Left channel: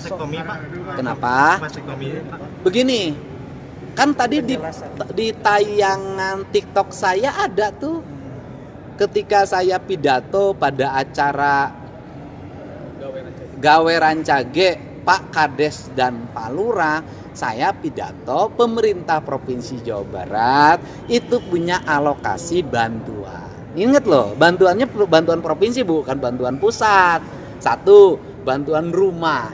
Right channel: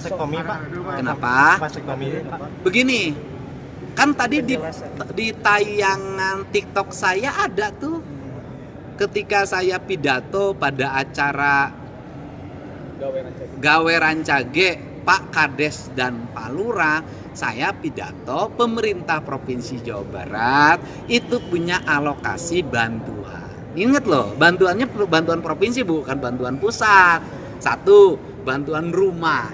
masuk komi, Pak. Kenapa? Masuk komi. Begini, kan tadi di tayangan TikTok saya ada tuh ketika saya pidato pada acara Gawe Rancage Pak Kades dan Pak Lurah, saya pidato pemerintah Provinsi Jawa Barat itu punya alokasi bantuan. Ingat loh, bantuannya bantuan provinsi bukan bantuan pusat. 1, bantuan rumah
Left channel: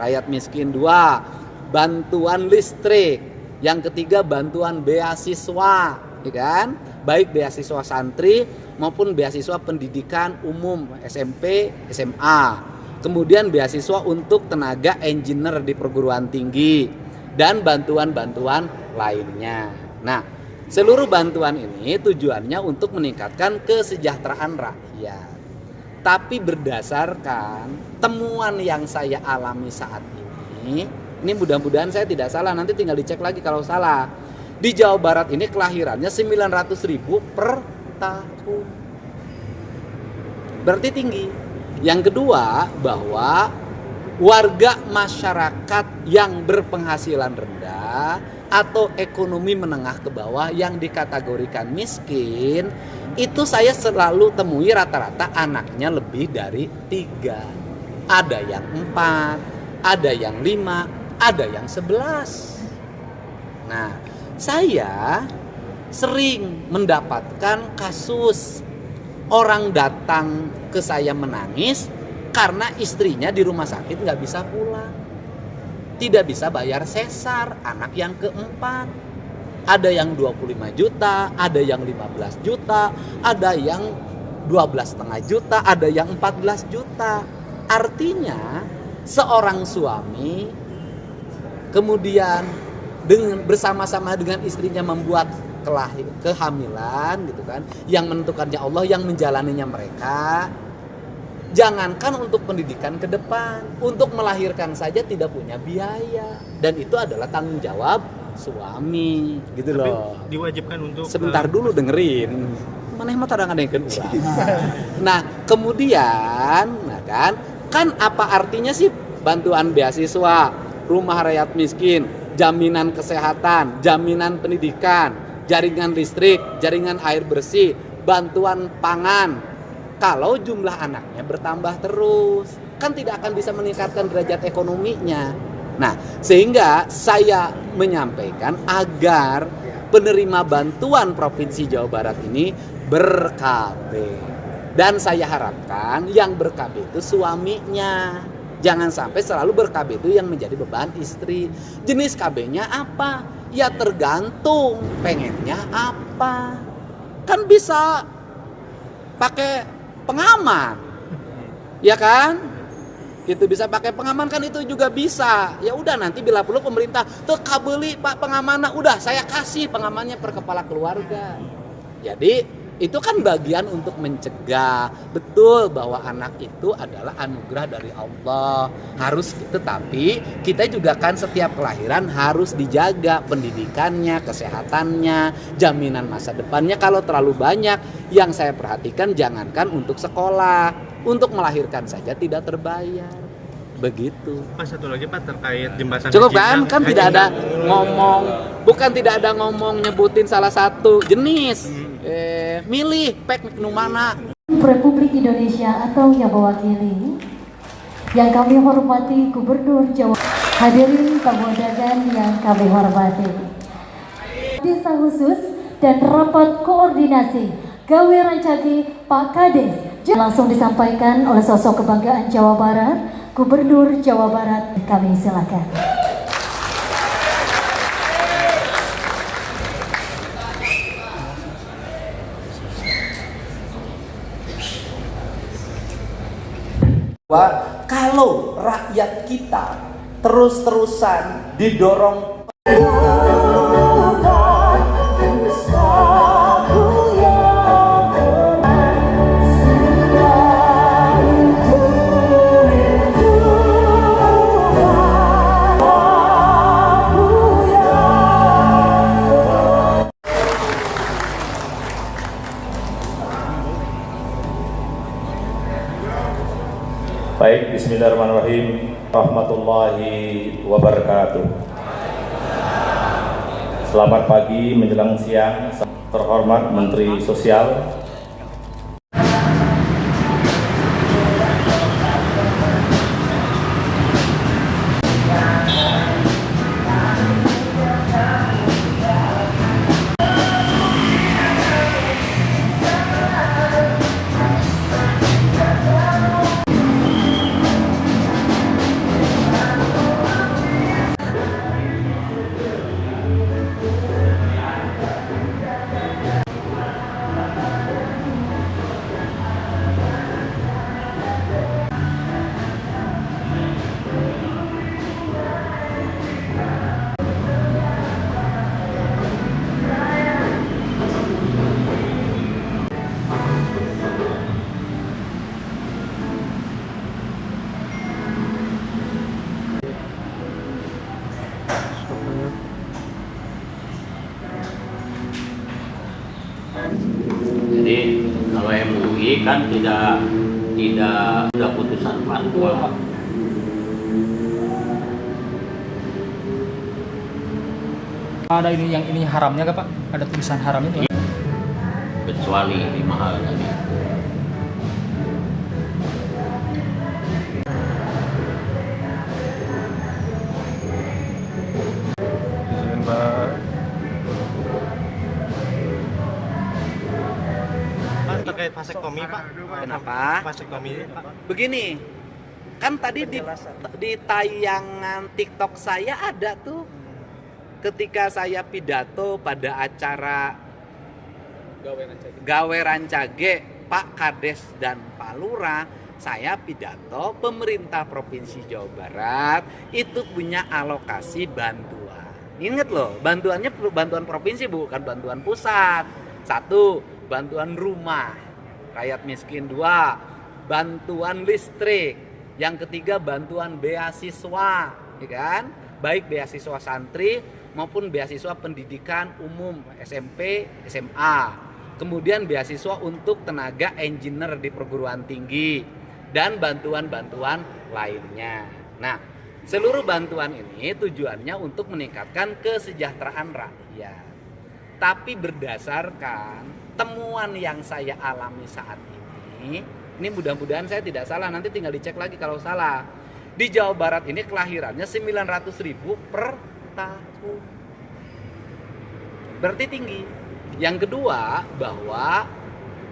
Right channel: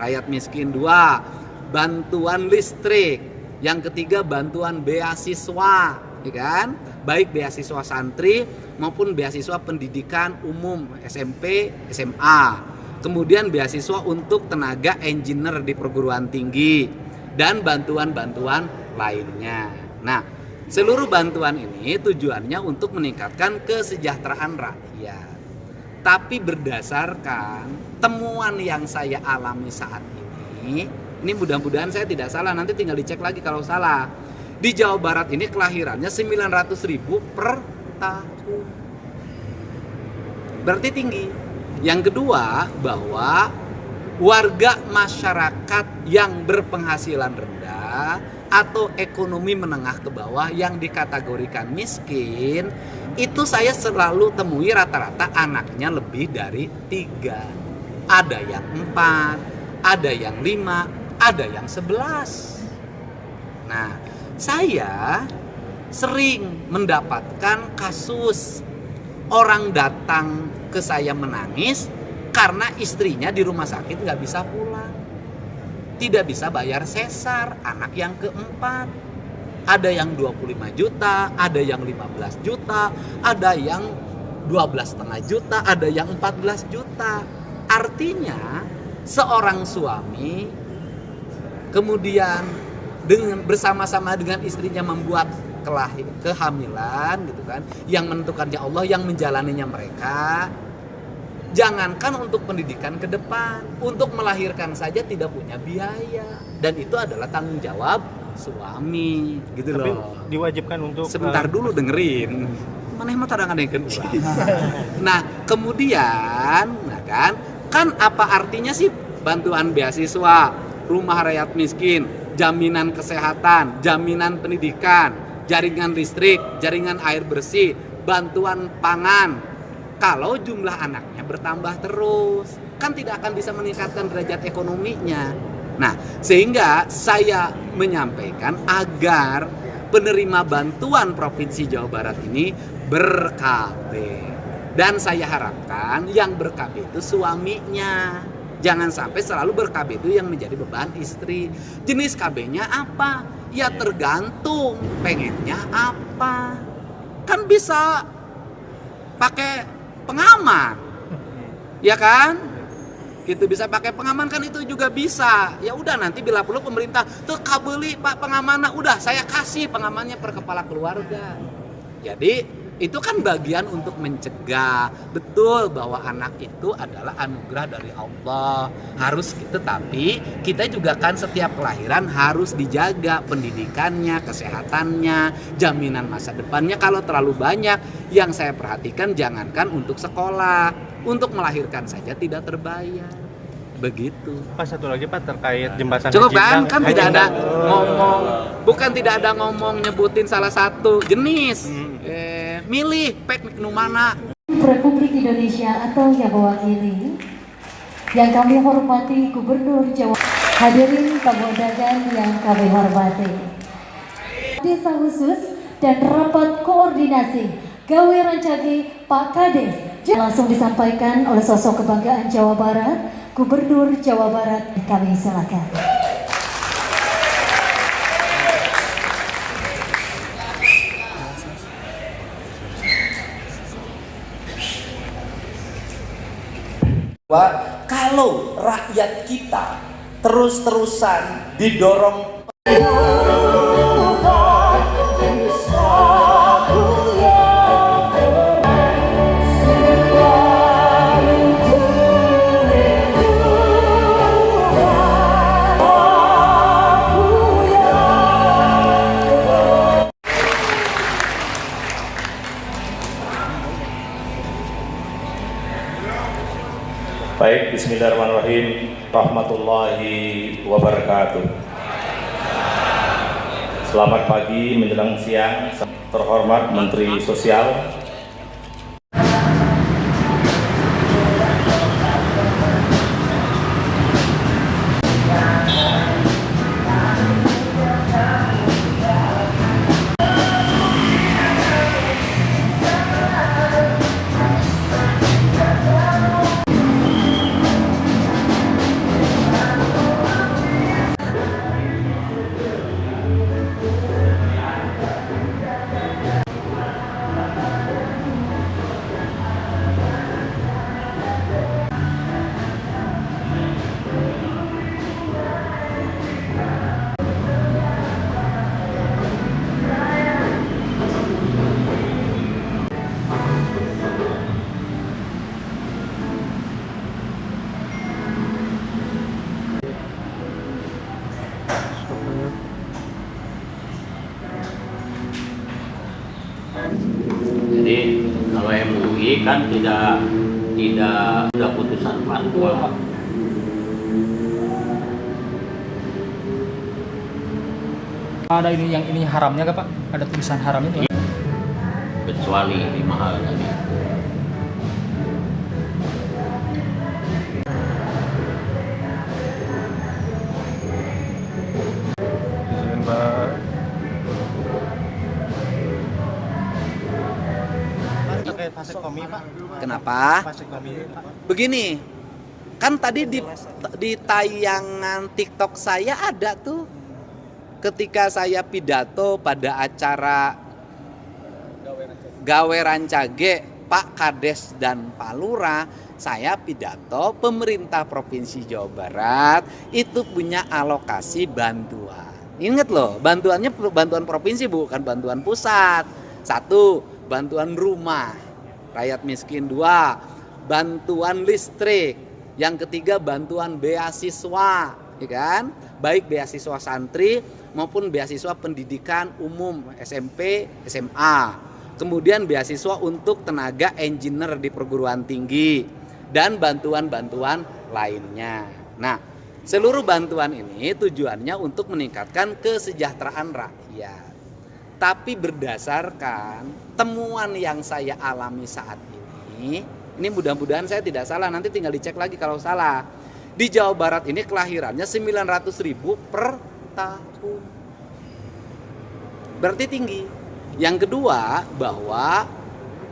rakyat miskin. 2, bantuan listrik. Yang ketiga, bantuan beasiswa, ya kan? Baik beasiswa santri maupun beasiswa pendidikan umum SMP, SMA. Kemudian beasiswa untuk tenaga engineer di perguruan tinggi dan bantuan-bantuan lainnya. Nah, seluruh bantuan ini tujuannya untuk meningkatkan kesejahteraan rakyat. Tapi berdasarkan temuan yang saya alami saat ini mudah-mudahan saya tidak salah, nanti tinggal dicek lagi kalau salah. Di Jawa Barat ini kelahirannya 900.000 per tahun. Berarti tinggi. Yang kedua, bahwa warga masyarakat yang berpenghasilan rendah atau ekonomi menengah ke bawah yang dikategorikan miskin, itu saya selalu temui rata-rata anaknya lebih dari 3. Ada yang 4, ada yang 5, ada yang 11. Nah, saya sering mendapatkan kasus orang datang ke saya menangis karena istrinya di rumah sakit nggak bisa pulang, tidak bisa bayar sesar, anak yang keempat. Ada yang 25 juta, ada yang 15 juta, ada yang 12,5 juta, ada yang 14 juta. Artinya seorang suami kemudian bersama-sama dengan istrinya membuat kehamilan gitu kan, yang menentukannya Allah, yang menjalaninya mereka. Jangankan untuk pendidikan ke depan, untuk melahirkan saja tidak punya biaya, dan itu adalah tanggung jawab suami gitu. Tapi loh diwajibkan untuk sebentar dulu dengerin maneh mah tadangan yang kedua. Nah, kemudian kan apa artinya sih bantuan beasiswa, rumah rakyat miskin, jaminan kesehatan, jaminan pendidikan, jaringan listrik, jaringan air bersih, bantuan pangan. Kalau jumlah anaknya bertambah terus, kan tidak akan bisa meningkatkan derajat ekonominya. Nah, sehingga saya menyampaikan agar penerima bantuan Provinsi Jawa Barat ini ber-KB. Dan saya harapkan yang ber-KB itu suaminya. Jangan sampai selalu ber-KB itu yang menjadi beban istri. Jenis KB-nya apa? Ya tergantung pengennya apa. Kan bisa pakai pengaman, ya kan? Gitu, bisa pakai pengaman kan, itu juga bisa. Ya udah, nanti bila perlu pemerintah tuh kabeli Pak pengamannya, udah saya kasih pengamannya per kepala keluarga. Jadi itu kan bagian untuk mencegah. Betul bahwa anak itu adalah anugerah dari Allah, harus gitu. Tapi kita juga kan setiap kelahiran harus dijaga pendidikannya, kesehatannya, jaminan masa depannya. Kalau terlalu banyak, yang saya perhatikan jangankan untuk sekolah, untuk melahirkan saja tidak terbayar. Begitu. Pak, satu lagi Pak terkait jembatan. Cukup kan tidak ada ngomong, bukan tidak ada ngomong nyebutin salah satu jenis. Milih pek nu mana. Republik Indonesia atau yang mewakili, yang kami hormati Gubernur Jawa, hadirin tamu undangan yang kami hormati, desa khusus dan rapat koordinasi Gawe Rancage Pak Kades langsung disampaikan oleh sosok kebanggaan Jawa Barat, Gubernur Jawa Barat. Kami silakan. Kalau rakyat kita terus-terusan didorong Baik, bismillahirrahmanirrahim. Rahmatullah warahmatullahi wabarakatuh. Selamat pagi menjelang siang, terhormat Menteri Sosial. Jadi kalau MUI kan tidak ada putusan fatwa. Ada ini yang ini haramnya nggak Pak? Ada tulisan haram itu? Kecuali di mahal tadi. Terkait vasektomi, Pak. Kenapa? Vasektomi, Pak. Begini, kan tadi di tayangan TikTok saya ada tuh, ketika saya pidato pada acara Gawe Rancage, Pak Kades dan Pak Lurah, saya pidato pemerintah Provinsi Jawa Barat itu punya alokasi bantuan. Ingat loh, bantuannya bantuan provinsi bukan bantuan pusat. 1, bantuan rumah rakyat miskin. 2, bantuan listrik. Yang ketiga, bantuan beasiswa, ya kan? Baik beasiswa santri maupun beasiswa pendidikan umum SMP, SMA. Kemudian beasiswa untuk tenaga engineer di perguruan tinggi dan bantuan-bantuan lainnya. Nah, seluruh bantuan ini tujuannya untuk meningkatkan kesejahteraan rakyat. Tapi berdasarkan temuan yang saya alami saat ini mudah-mudahan saya tidak salah, nanti tinggal dicek lagi kalau salah. Di Jawa Barat ini kelahirannya 900.000 per tahun. Berarti tinggi. Yang kedua, bahwa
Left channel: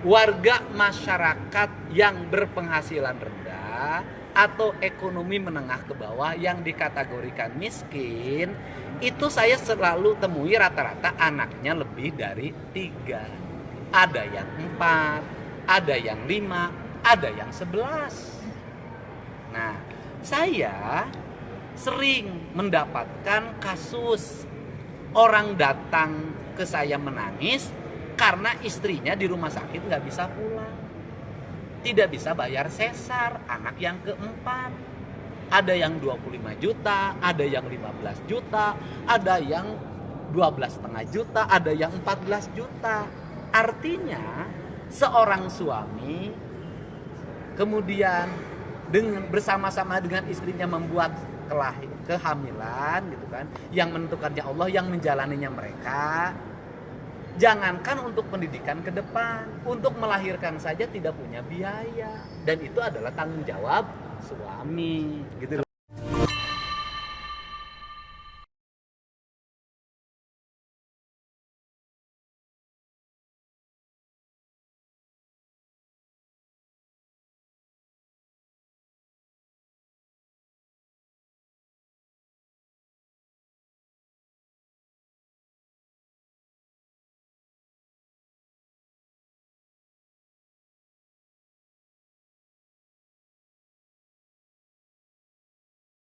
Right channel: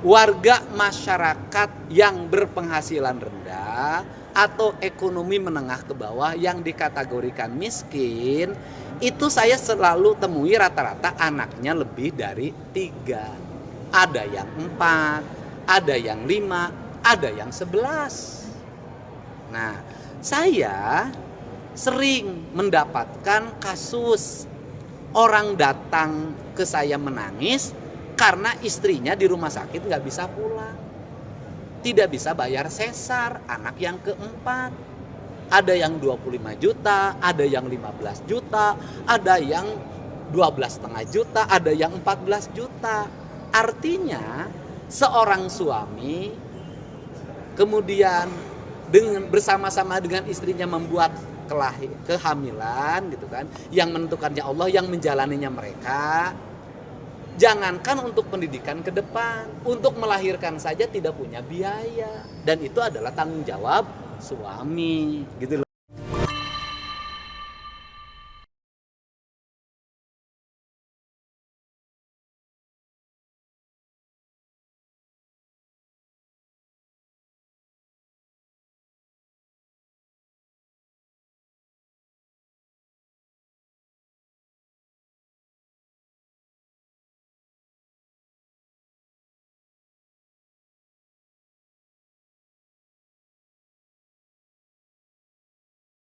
warga masyarakat yang berpenghasilan rendah atau ekonomi menengah ke bawah yang dikategorikan miskin, itu saya selalu temui rata-rata anaknya lebih dari 3. Ada yang 4, ada yang 5, ada yang 11. Nah, saya sering mendapatkan kasus orang datang ke saya menangis karena istrinya di rumah sakit nggak bisa pulang, tidak bisa bayar sesar, anak yang keempat. Ada yang 25 juta, ada yang 15 juta, ada yang 12,5 juta, ada yang 14 juta. Artinya seorang suami kemudian bersama-sama dengan istrinya membuat kehamilan gitu kan, yang menentukannya Allah, yang menjalaninya mereka. Jangankan untuk pendidikan ke depan, untuk melahirkan saja tidak punya biaya, dan itu adalah tanggung jawab suami gitu loh.